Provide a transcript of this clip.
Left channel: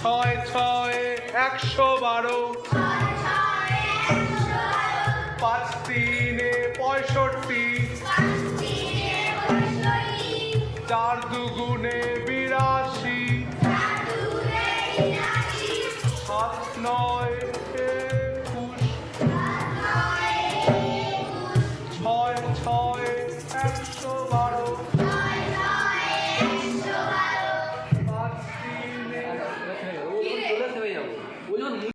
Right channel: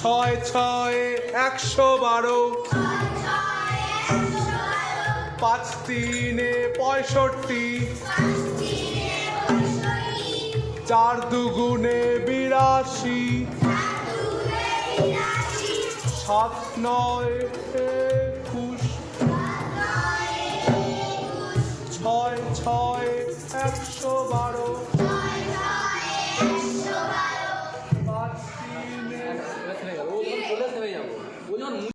ছয় ছয় ১১২, ৫ ৩ ৬৫, ৪ ২ ৮২, ৭ ৯ ২১, ৬ ৬ ১১২।